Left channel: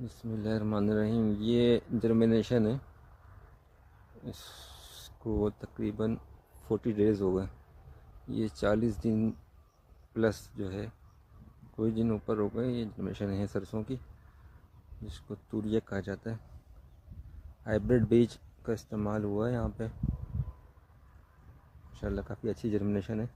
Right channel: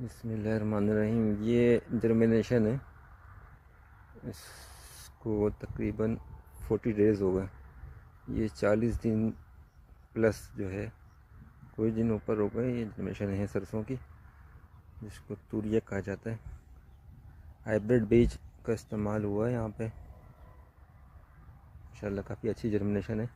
बिस्मिल्लाहिर्रहमानिर्रहीम। ये जर्मिनेशन है, इसको तकरीबन 40 डेज़ हो गए। ये 40 दिन प्लस जो है, कोई दिन ऊपर हो गए। ये जर्मिनेशन है सरसों की, जिसको तूरिया कहा जाता है। हाइब्रिड बीज का इस्तेमाल हुआ है यहाँ पे। माशाल्लाह काफ़ी अच्छी जर्मिनेशन है।